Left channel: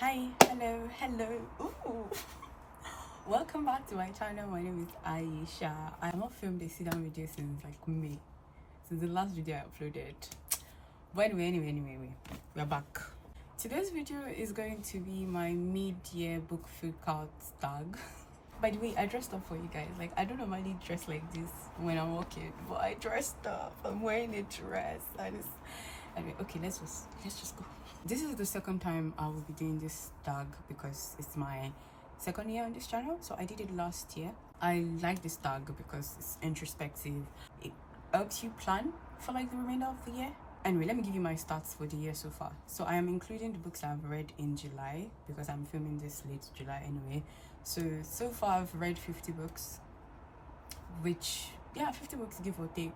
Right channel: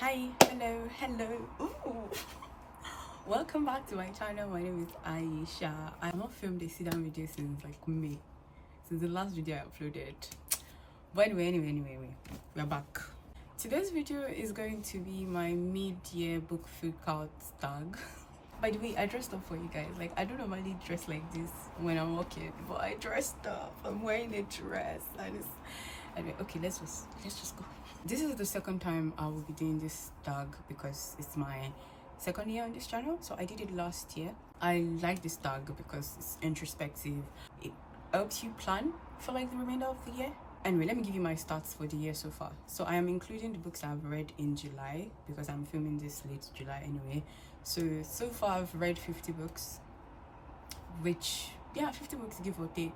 Hi, hello. Ooh. Welcome back to my channel. My name is Aisha. I have not filmed a sit-down video since like May, since the last video I uploaded. But anyway, we're back. Today's video is going to be my mid-year book freakout tag. By the way, I dressed up for you guys. Like, I don't normally dress like this when I'm walking, but I dressed up. I'm wearing a dress. Anyway, okay, let's just go. This is the second time I will be doing this tag because it's my second year on this channel. So I did it last year. I like this tag because it's introspective. It helps you plan for like the remainder of the year. Anyway, let me give you my stats for the year so far. So I am including the books I've read in July because I'm filming this late July anyway. So far I've read 50 books, which, yeah, 50 books give or take,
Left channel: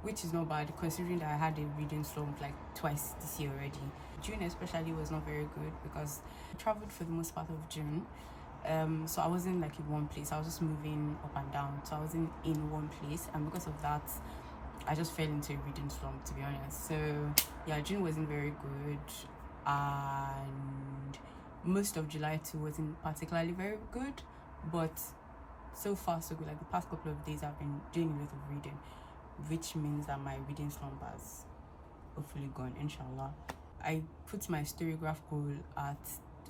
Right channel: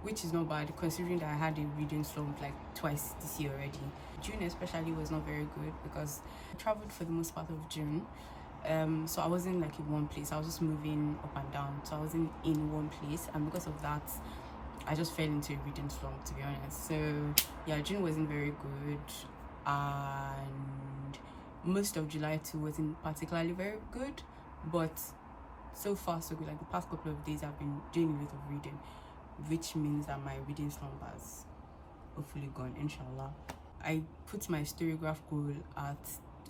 which is not bad considering that I had a reading slump like twice this year already. June especially was not very good because I traveled for the most part of June. So I wasn't like in one place. I was just moving up and down, so I wasn't in one place, and because of that I just fell into a reading slump, to be honest. So yeah, June wasn't very good, and most of July too wasn't particularly very good, but so far so good. Like the past couple of days I've been doing a lot of reading, which means that my reading slump has hopefully gone, inshallah. I put my storygraph goal at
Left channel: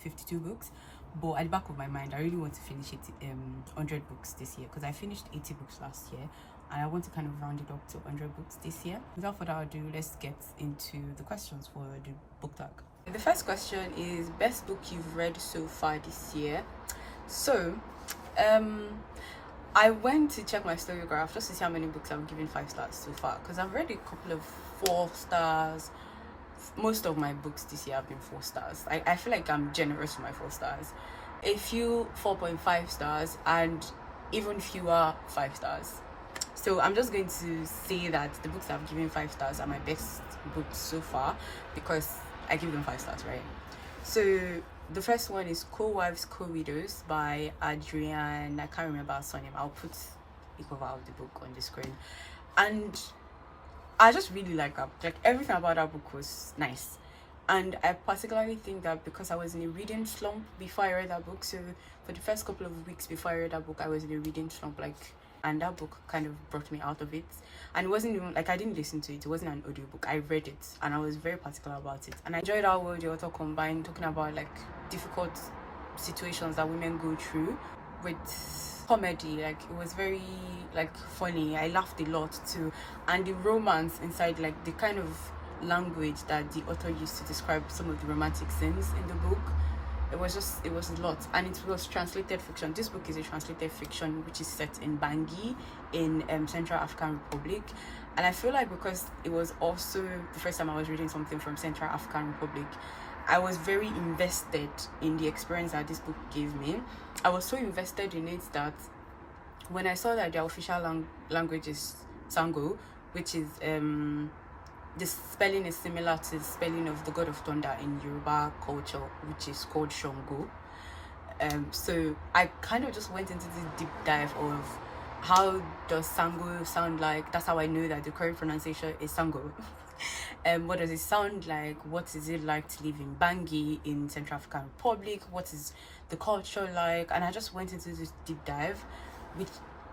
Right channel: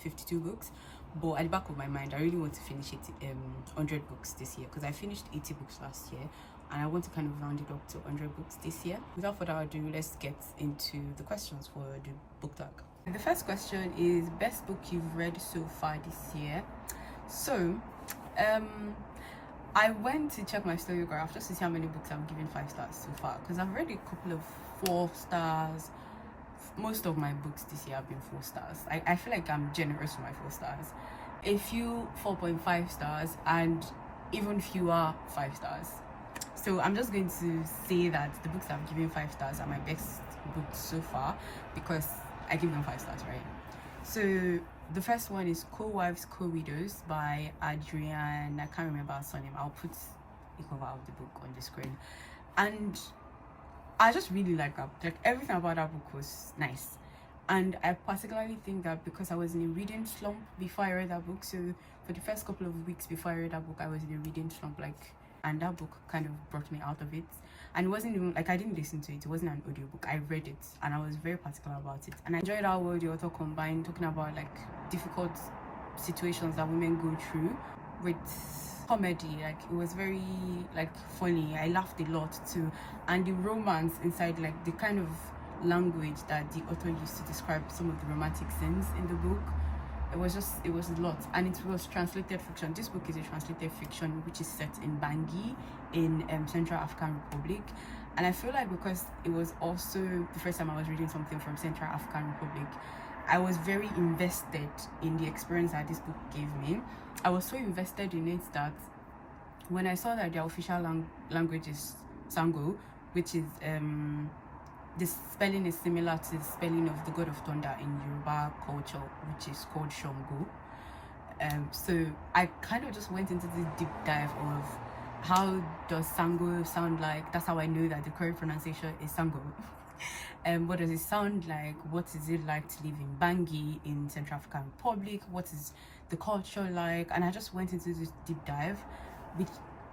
52 books, but at the back of my mind I really want to finish it 100 books this year, because I finished 80 books last year and I want to kind of round it up to 100 books this year. Without further ado, let's get into the questions for the book tag. The first question is best book you've read so far this year. So I went to check my storygraph just to see how many books I've given 5 stars so far, because I've read a couple of 4 stars. Most of my books this year have been 4 stars. I feel like I'm generous with my 4 stars. A few 4.5 stars, and even fewer 5 stars. So I'm just going to say that the books I've given 5 stars are my best books so far because I give them 5 stars, right? So the first one is Co-Wives, Co-Widows by Adrian. I can't remember her surname. I'll put the cover of the book on the screen. And I just really like that. Like everything about that book was nice. And I particularly think that because I was in a reading slump before I read that book. So for the first couple of weeks before I read that book, I was in a reading slump, and that book kind of brought me out of it. And it wasn't even like I didn't listen to it. It wasn't an audiobook. I read it and I was very particular about it. And I enjoyed how well the author combined talking about like difficult situations that women go through with comedy. Like it was very like funny. I laughed a lot too. And the romance inside, like the kind of language that the author used to describe some of the romantic scenes in the book, it was a lot. And it was translated fiction. This book is a translated fiction which is set in Bangui in Central African Republic. And I feel like because it was also the first time I was reading something from Central African Republic, I was very invested in the experience that this book gave me. I was so invested in it that when I saw that their official language is Sango, which is the spelling is similar to the spelling of the god of thunder in Yoruba culture, which is called Shango. So I kind of just went into this deep dive of how does Sango sound like. That's how I know that the correct pronunciation is Sango. What does it sound like? What is it like to live in Bangui in Central African Republic? What is the culture like? And I just went into this deep dive, which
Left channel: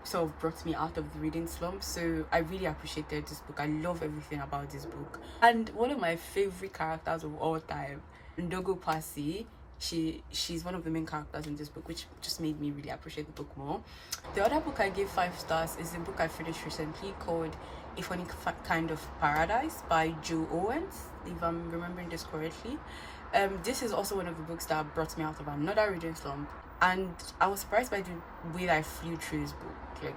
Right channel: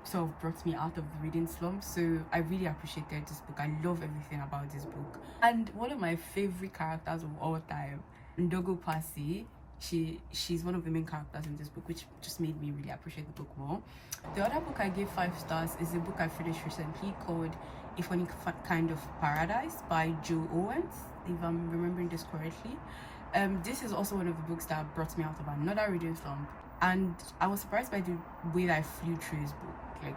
sort of brought me out of the reading slump. So I really appreciated this book. I love everything about this book. And one of my favorite characters of all time, Ndogo Pasi, she's one of the main characters in this book, which just made me really appreciate the book more. The other book I gave 5 stars is a book I finished recently called A Funny Kind of Paradise by Joe Owens, if I'm remembering this correctly. This is also one of the books that brought me out of another reading slump, and I was surprised by the way that I flew through this book. Like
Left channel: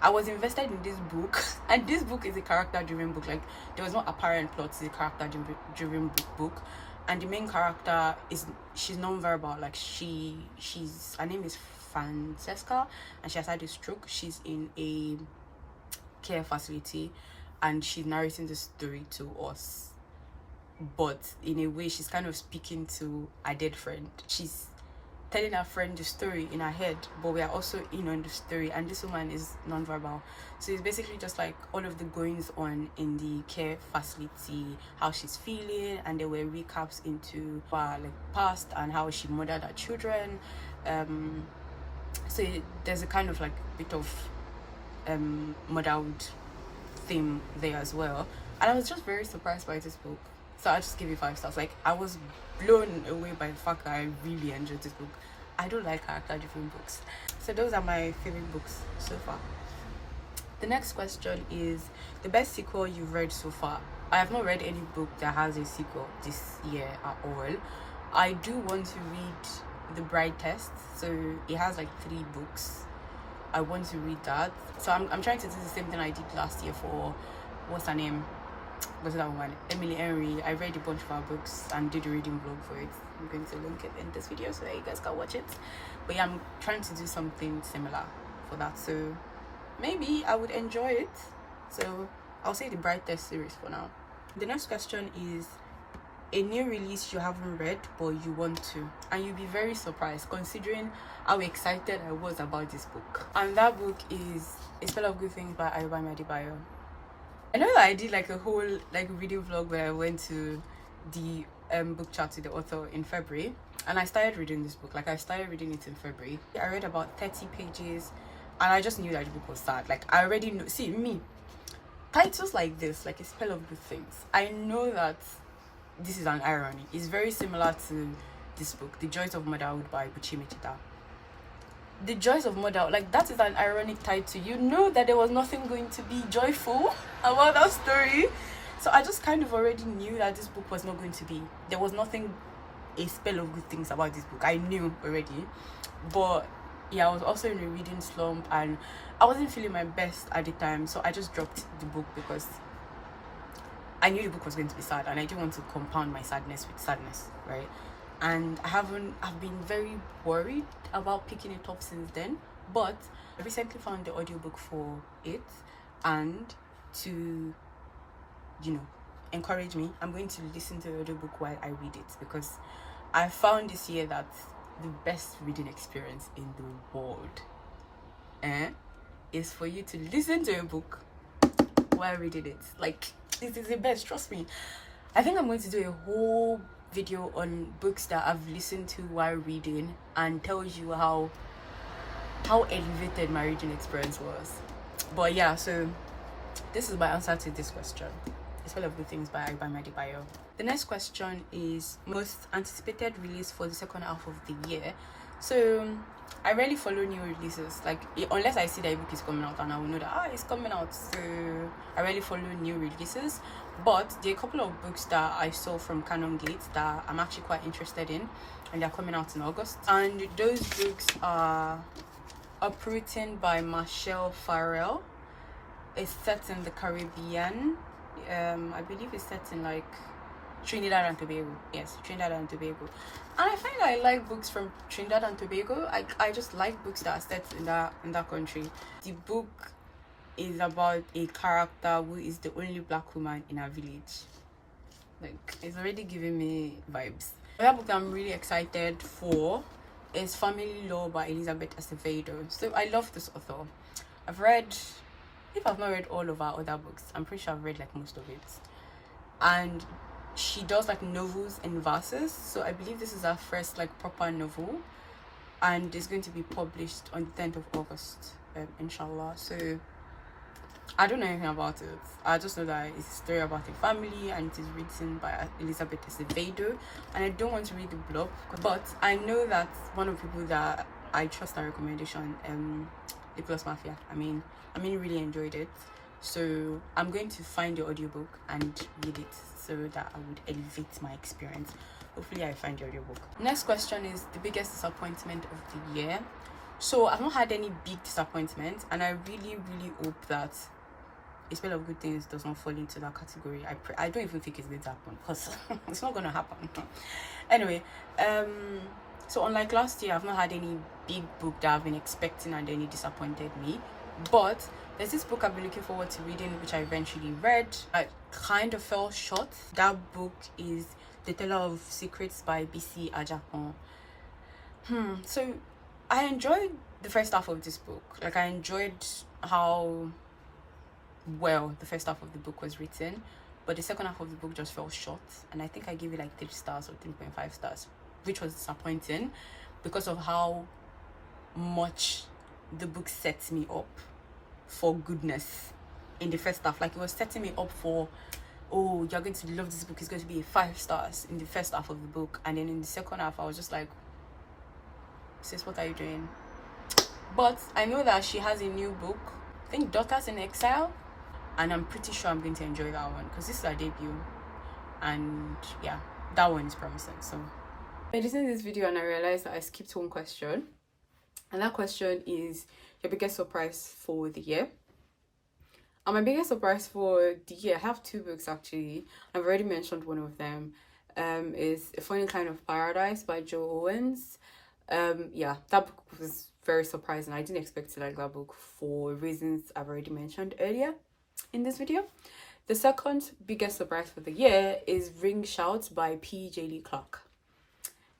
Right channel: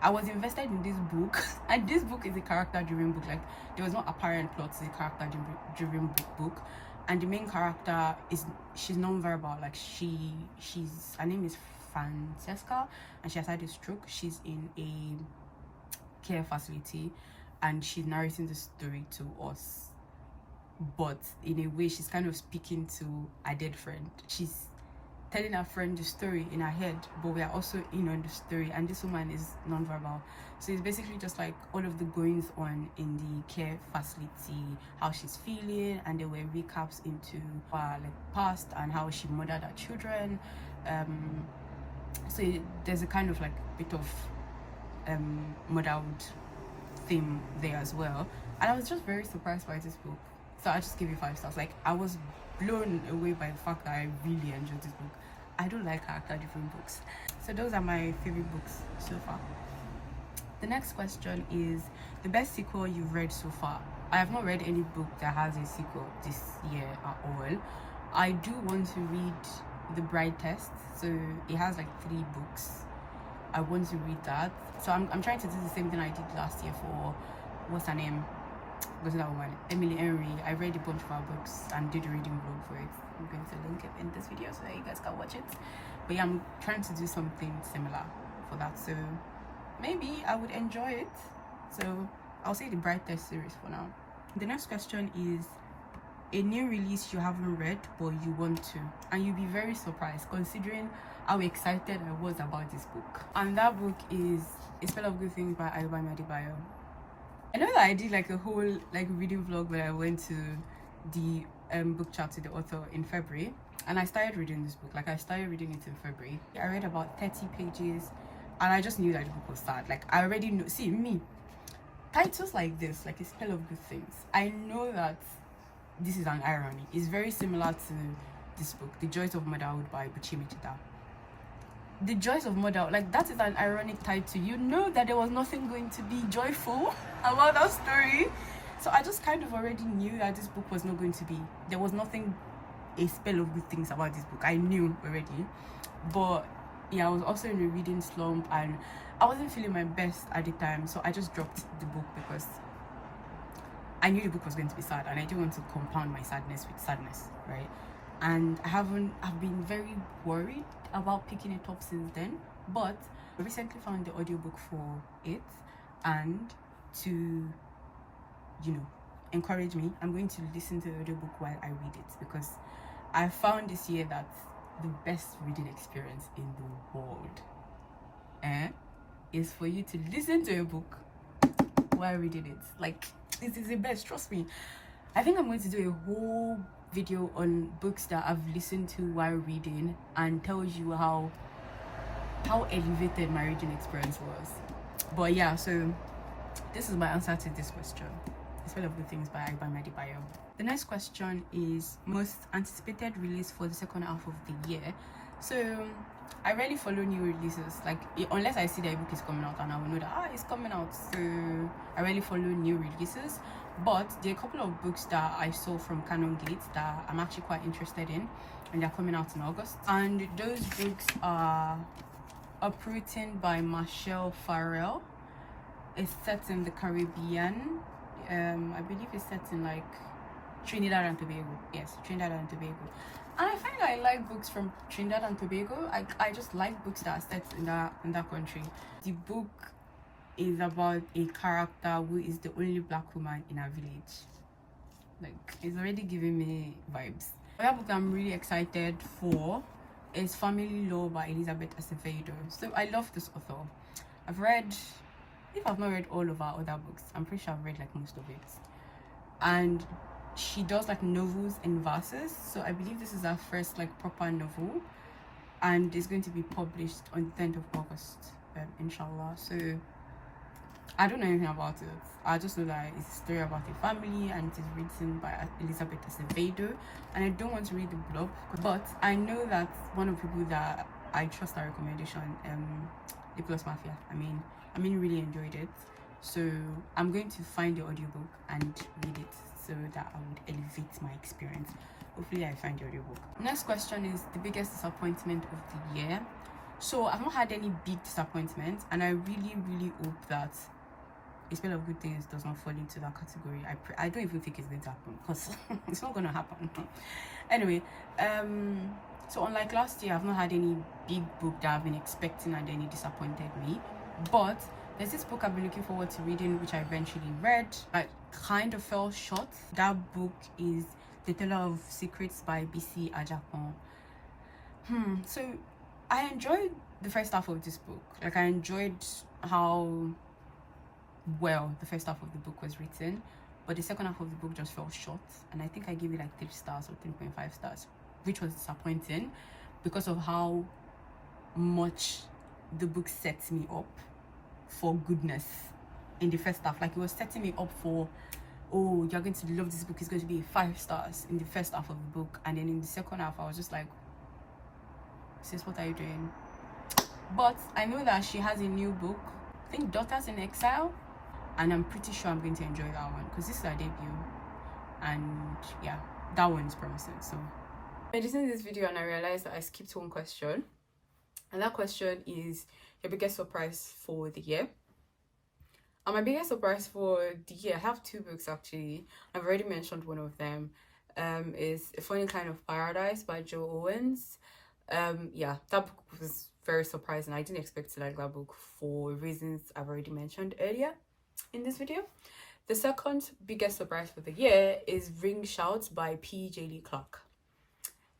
I was invested in this book, and this book is a character-driven book. Like there was no apparent plot. It's a character-driven book, and the main character she's non-verbal. Like she's her name is Francesca, and she has had a stroke. She's in a care facility, and she's narrating the story to us, but in a way she's kind of speaking to a dead friend. She's telling our friend the story in her head, but we are also in on the story, and this woman is non-verbal. So it's basically just like all of the goings on in the care facility, how she's feeling, and there were recaps into her like past and how she mothered her children. So there's a kind of like bit of motherhood theme there as well, and I was just very surprised by this book. So I just gave it 5 stars. Like, I was blown away by the fact that I really enjoyed this book. I don't like character-driven books. So those are my favorite books so far. The next question is the best sequel you've read so far. I have not read any book that has a sequel this year at all. I do want to read The Bride Test. So it has like 3 books. I want to read that. So I'm trying to do the same thing I did last year for, what's her name? What's that one? Emily Henry. I read a bunch of her books and did a reading vlog for it. I'm going to link it in this video so that you guys can watch it. But yeah, I'm trying to do something similar for that. So maybe I would enjoy it. So I'll say the Bride Test series for now. The next question is a new release you haven't read but you want to, and you'll be very surprised considering how excited I was about this book. And that book is A Spell of Good Things by Ayobami Adebayo. I know that I did like a whole like reading vlog where I went to the book chat with the author in February, and I started reading this book. Like, I started reading it in February. I read about 30 pages and I just knew that the book was sad. Like, I already know, see me, titles like this, like A Spell of Good Things, I know that this is an irony. It's very similar to this book, The Joys of Motherhood by Buchi Michita. The Joys of Motherhood, like, that is an ironic title. You know that there was nothing going to be joyful about that story. So I just kind of already knew that this book was not going to be. There was nothing, a spell of good things about this book. I knew already. But yeah, I was also in a reading slump and I wasn't feeling my best at the time. So I just dropped the book because I knew the book was going to be sad and I didn't want to compound my sadness with sadness, right? And I've been very worried about picking it up since then. But I recently found the audiobook for it, and to, you know, encourage me, I'm going to listen to the audiobook while I read it, because I found this year that the best reading experience in the world is for you to listen to a book while reading it. Like, this is the best, trust me. I think I'm going to do a whole video on books that I've listened to while reading and tell you how elevated my reading experience was. But yeah, so this is my answer to this question. A Spell of Good Things by Ayobami Adebayo. The next question is most anticipated release for the second half of the year. So I rarely follow new releases, like unless I see that a book is coming out and I will know that it's coming out. So I rarely follow new releases, but there are a couple of books that I saw from Canon Gates that I'm actually quite interested in, and they're coming out in August. And those books are Uprooting by Marshall Farrell. It's set in the Caribbean. I believe it's set in like Trinidad and Tobago. Yes, Trinidad and Tobago. And I find I like books from Trinidad and Tobago. I just like books that are set in that country. The book is about a character who is the only black woman in a village. Like, it's already giving me vibes. Another book I'm really excited for is Family Law by Elizabeth Acevedo. So I love this author. If I've not read all of her other books, I'm pretty sure I've read like most of it. And she does like novels and verses. So I believe this is her first like proper novel, and it's going to be published on the 10th of August, inshallah. So I don't know anything about it. I just know that it's a story about a family and it is written by Elizabeth Acevedo, and I don't want to read the blog, but I know that one of the people that I trust our recommendation, The Plus Mafia, I mean really enjoyed it. So I'm going to find the audiobook and read it so that I would elevate my experience. Hopefully I find the audiobook. Next question is the biggest disappointment of the year. So I've not had any big disappointment, and I really hope that A Spell of Good Things does not fall into that category. I don't even think it's going to happen, because it's not going to happen. Anyway, so unlike last year, I've not had any big book that I've been expecting and any disappointed me. But there's this book I've been looking forward to reading, which I eventually read. I kind of fell short. That book is The Teller of Secrets by B.C. Ajapon. So I enjoyed the first half of this book. Like, I enjoyed how well the first half of the book was written, but the second half of the book just fell short, and I think I gave it like 3 stars or 3.5 stars, which was disappointing because of how much the book sets me up for goodness in the first half. Like, it was setting me up for, oh, you're going to love this book, it's going to be 5 stars in the first half of the book, and then in the second half I was just like, sis, what are you doing? But I know that she has a new book, I think Daughters in Exile, and I'm pretty sure I'm going to enjoy that one because this is her debut, and yeah, that one is promising. So I listened to this video and I realized that I skipped one question, and that question is your biggest surprise for the year. And my biggest surprise for the year, I have 2 books actually. I've already mentioned one of them. Is A Funny Kind of Paradise by Joe Owens. Yeah, that book was very surprising. I didn't expect to like that book for reasons I've already mentioned earlier in this video. The second biggest surprise for the year is Ring Shout by P.J. Lee Clark.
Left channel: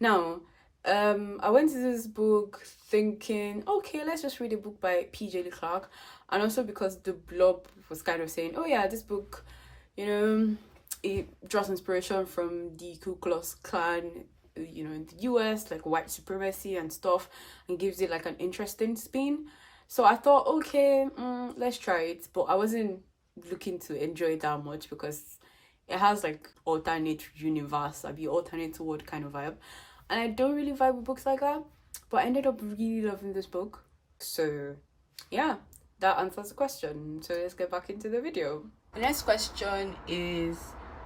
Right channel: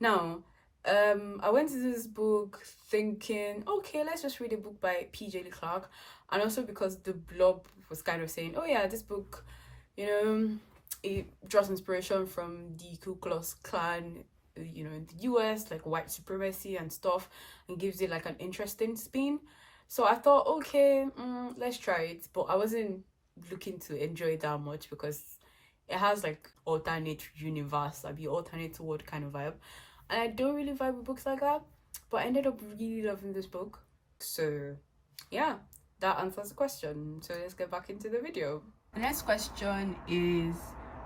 Now, I went to this book thinking, okay, let's just read a book by P.J. Lee Clark, and also because the blog was kind of saying, oh yeah, this book, you know, it draws inspiration from the Ku Klux Klan, you know, in the US, like white supremacy and stuff, and gives it like an interesting spin. So I thought, okay, let's try it, but I wasn't looking to enjoy it that much because it has like alternate universe, I'd be alternate world kind of vibe, and I don't really vibe with books like that. But I ended up really loving this book. So yeah, that answers the question. So let's get back into the video. The next question is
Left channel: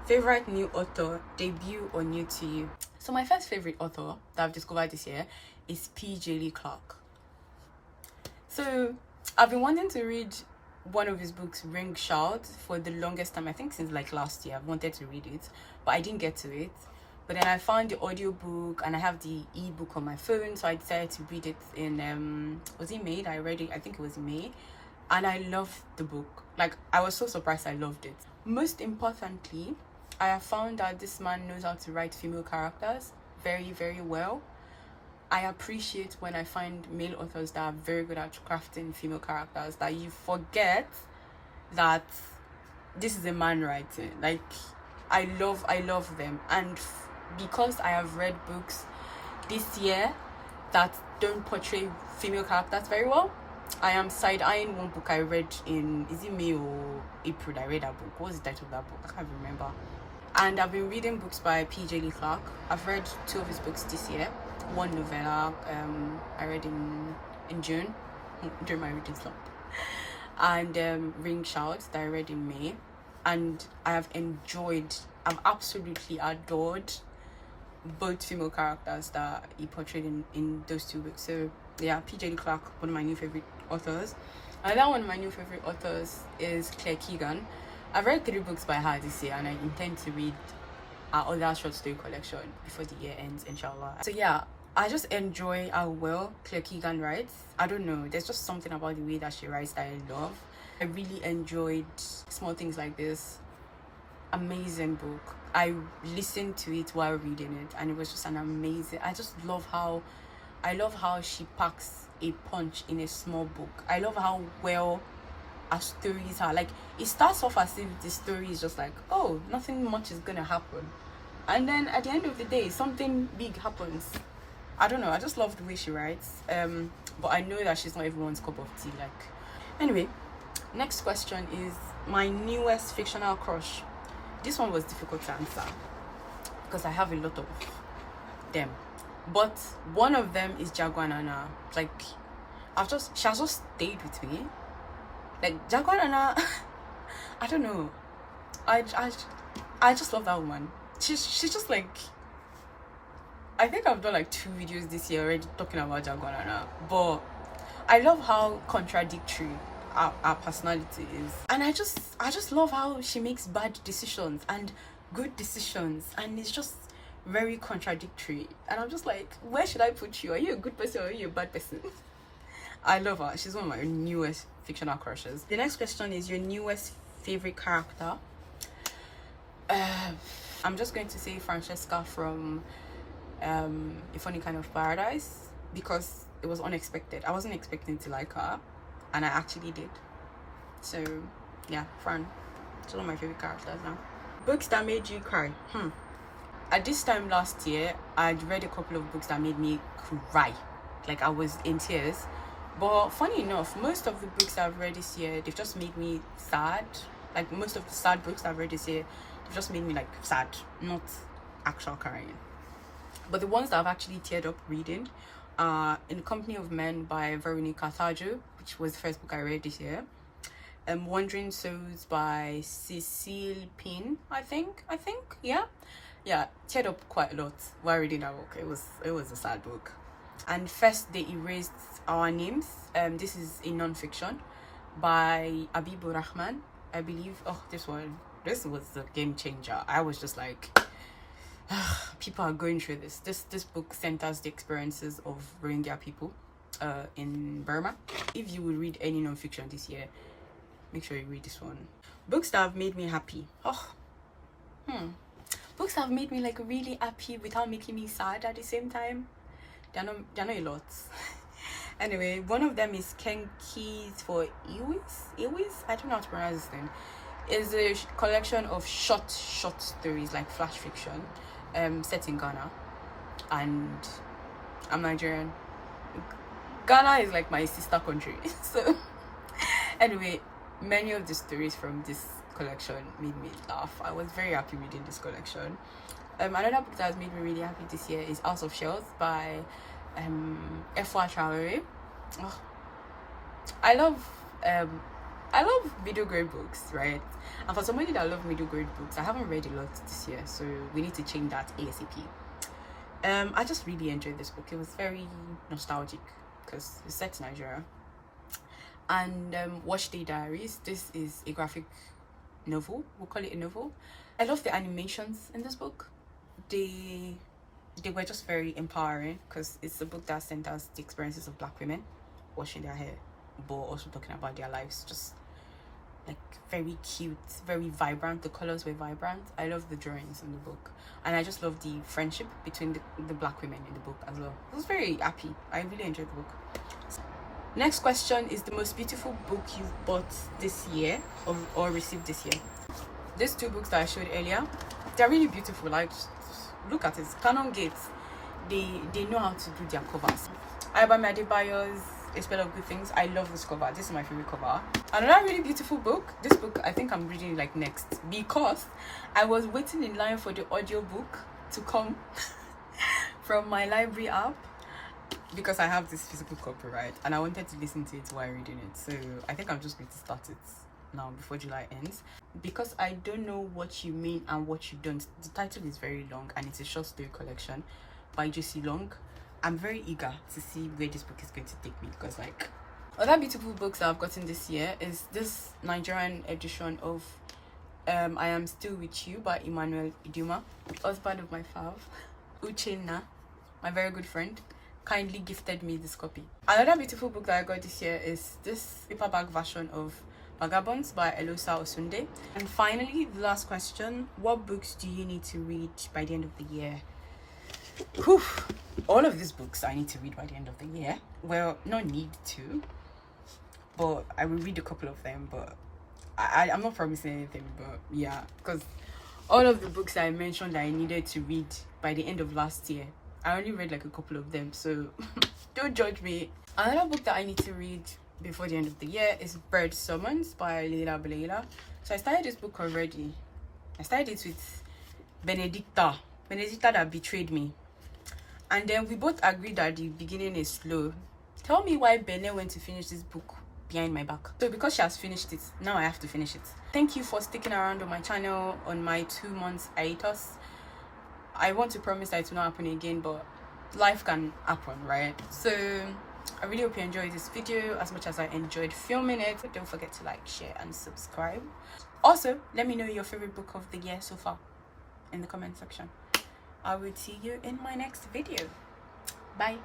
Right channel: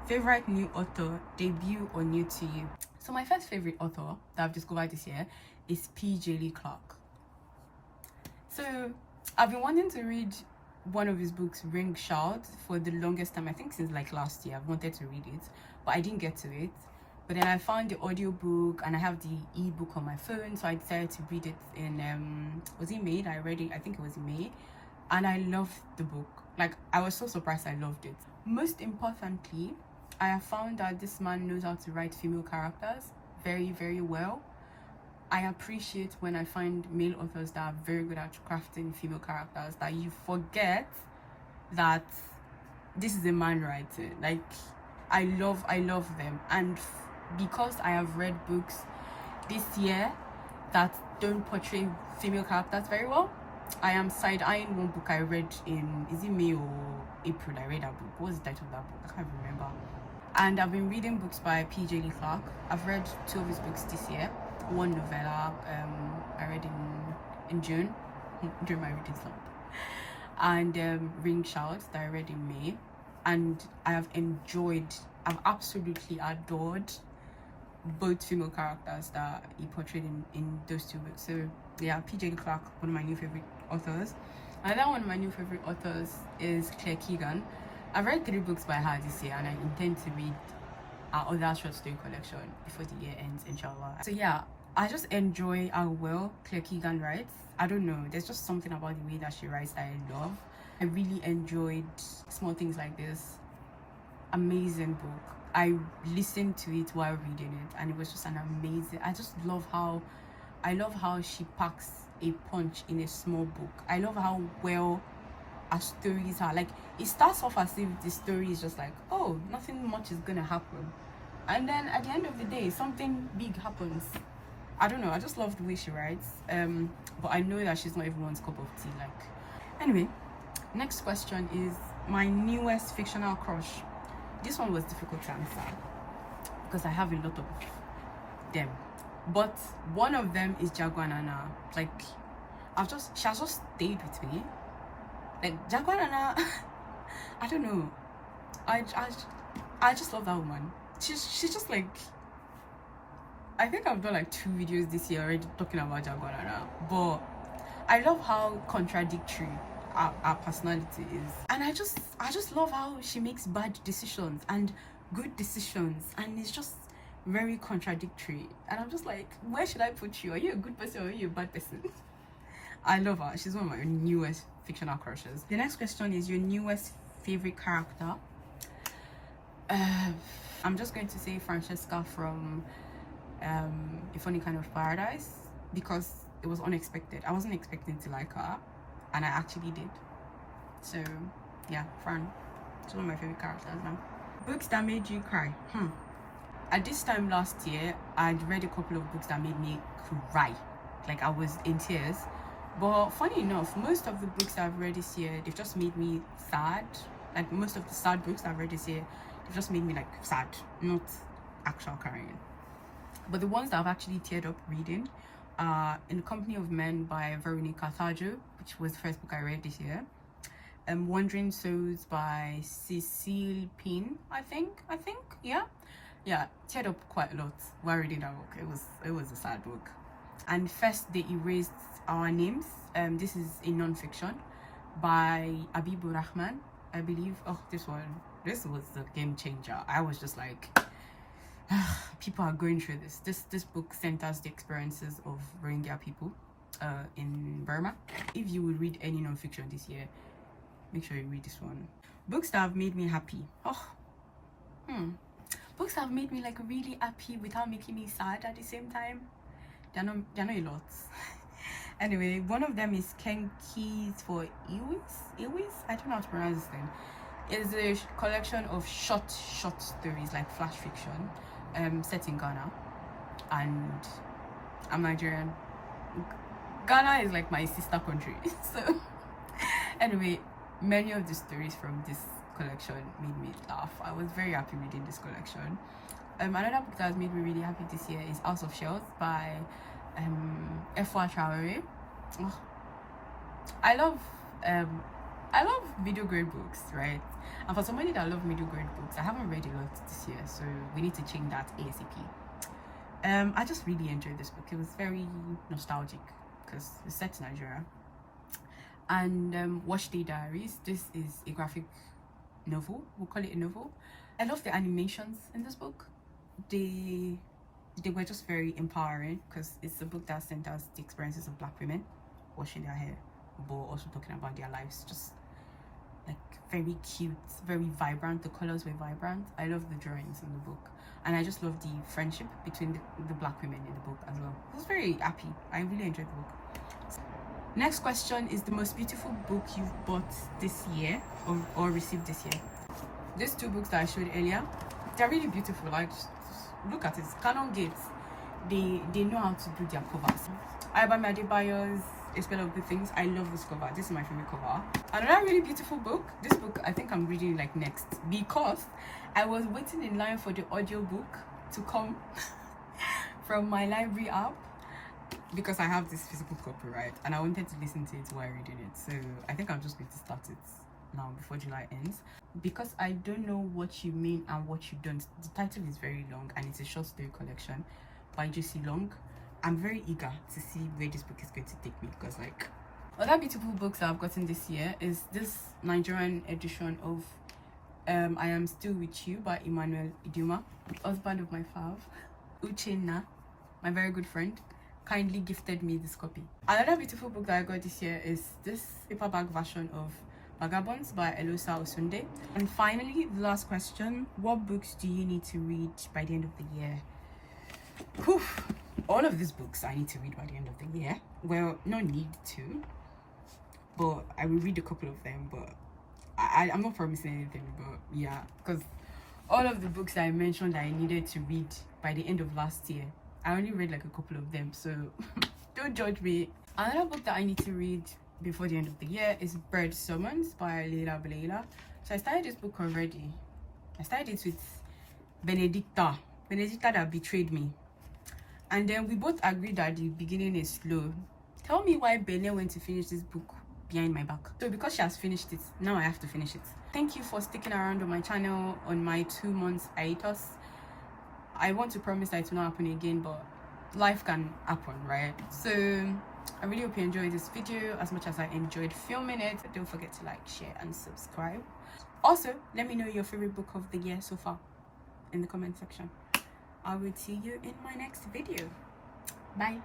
favorite new author, debut or new to you. So my first favorite author that I've discovered this year is P.J. Lee Clark. So I've been wanting to read one of his books, Ring Shout, for the longest time. I think since like last year I've wanted to read it, but I didn't get to it. But then I found the audiobook and I have the ebook on my phone, so I decided to read it in was it May? I read it, I think it was in May, and I loved the book. Like, I was so surprised I loved it. Most importantly, I have found that this man knows how to write female characters very, very well. I appreciate when I find male authors that are very good at crafting female characters, that you forget that this is a man writing. Like, I love them. And because I have read books this year that don't portray female characters very well, I am side-eyeing one book I read in, is it May or April? I read that book. What was the title of that book? I can't remember. And I've been reading books by P.J. Lee Clark. I've read 2 of his books this year. One novella I read in June during my reading slump, and Ring Shout that I read in May, and I've absolutely adored both female characters that he portrayed in those 2 books. So yeah, P.J. Lee Clark, one of my new favorite authors. Another one of my new favorite authors is Claire Keegan. I've read 3 books by her this year, and I intend to read our other short story collection before the year ends, inshallah. So yeah, I just enjoy how well Claire Keegan writes. I don't know, there's just something about the way that she writes that I love. I really enjoyed Small Things Like This. Amazing book. I listened to it while reading it, and it was just an amazing, I love how she packs a punch in a small book. I love how well her stories are. Like, it starts off as if the story is just like, oh, nothing much is gonna happen, and then at the end of the day something big happens. I don't know, I just love the way she writes. But I know that she's not everyone's cup of tea. Like, anyway, next question is my newest fictional crush. This one was difficult to answer because I have a lot of them, but one of them is Jaguar Nana. Like, she has just stayed with me. Like, Jaguar Nana, I don't know, I just love that woman. She's just like, I think I've done like 2 videos this year already talking about Jaguar Nana, but I love how contradictory our personality is, and I just love how she makes bad decisions and good decisions, and it's just very contradictory, and I'm just like, where should I put you? Are you a good person or are you a bad person? I love her. She's one of my newest fictional crushes. The next question is your newest favorite character. I'm just going to say Francesca from A Funny Kind of Paradise. because it was unexpected. I wasn't expecting to like her, and I actually did. So yeah, Fran, it's one of my favorite characters now. Books that made you cry. At this time last year, I'd read a couple of books that made me cry. Like, I was in tears. But funny enough, most of the books I've read this year, they've just made me sad. Like, most of the sad books I've read this year, they've just made me like sad, not actual crying. But the ones that I've actually teared up reading are In Company of Men by Veronica Thajo, which was the first book I read this year. Wandering Souls by Cecile Pin, I think, yeah, teared up quite a lot while reading that book. It was a sad book. And First They Erased Our Names. This is a non-fiction by Abibur Rahman, I believe. Oh, this was the game changer. I was just like, people are going through this. This book centers the experiences of Rohingya people in Burma. If you will read any non-fiction this year, make sure you read this one. Books that have made me happy. Books that have made me like really happy without making me sad at the same time. They're not a lot. Anyway, one of them is Keys for Iwis. I don't know how to pronounce this thing. It's a collection of short stories, like flash fiction, set in Ghana. And I'm Nigerian. Ghana is like my sister country. So anyway, many of the stories from this collection made me laugh. I was very happy reading this collection. Another book that has made me really happy this year is House of Shells by Efwa Traore. I love middle grade books, right? And for somebody that loves middle grade books, I haven't read a lot this year, so we need to change that ASAP. I just really enjoyed this book. It was very nostalgic because it's set in Nigeria. And Watch Day Diaries. This is a graphic novel. We'll call it a novel. I love the animations in this book. They were just very empowering because it's a book that centers the experiences of Black women washing their hair, but also talking about their lives. Just like very cute, very vibrant. The colors were vibrant. I love the drawings in the book, and I just love the friendship between the Black women in the book as well. I was very happy. I really enjoyed the book. Next question is the most beautiful book you've bought this year or received this year. These two books that I showed earlier, they're really beautiful. Like, just look at it. Canon Gates, they know how to do their covers. Ayobami Adebayo's A Spell of Good Things. I love this cover. This is my favorite cover. Another really beautiful book. This book I think I'm reading like next because I was waiting in line for the audiobook to come from my library app, because I have this physical copy, right? And I wanted to listen to it while reading it. So I think I'm just going to start it now before July ends, because I don't know what you mean and what you don't. The title is very long and it's a short story collection by J.C. Long. I'm very eager to see where this book is going to take me, because like other beautiful books that I've gotten this year is this Nigerian edition of I Am Still With You by Emmanuel Iduma, husband of my fave, Uchenna, my very good friend, kindly gifted me this copy. Another beautiful book that I got this year is this paperback version of Vagabonds by Elosa Osunde. And finally, the last question: what books do you need to read by the end of the year? Whew. All of these books I need to read by the end of the year. Well, not need to, but I will read a couple of them, but I'm not promising anything. But yeah, because all of the books I mentioned that I needed to read by the end of last year, I only read like a couple of them, so don't judge me. Another book that I need to read before the end of the year is Bird Summons by Leila Belela. So I started this book already. I started it with Benedicta that betrayed me. And then we both agreed that the beginning is slow. Tell me why Bene went to finish this book behind my back. So because she has finished it, now I have to finish it. Thank you for sticking around on my channel on my 2 months hiatus. I want to promise that it will not happen again, but life can happen, right? So I really hope you enjoyed this video as much as I enjoyed filming it. Don't forget to like, share and subscribe. Also, let me know your favorite book of the year so far in the comment section. I will see you in my next video. Bye.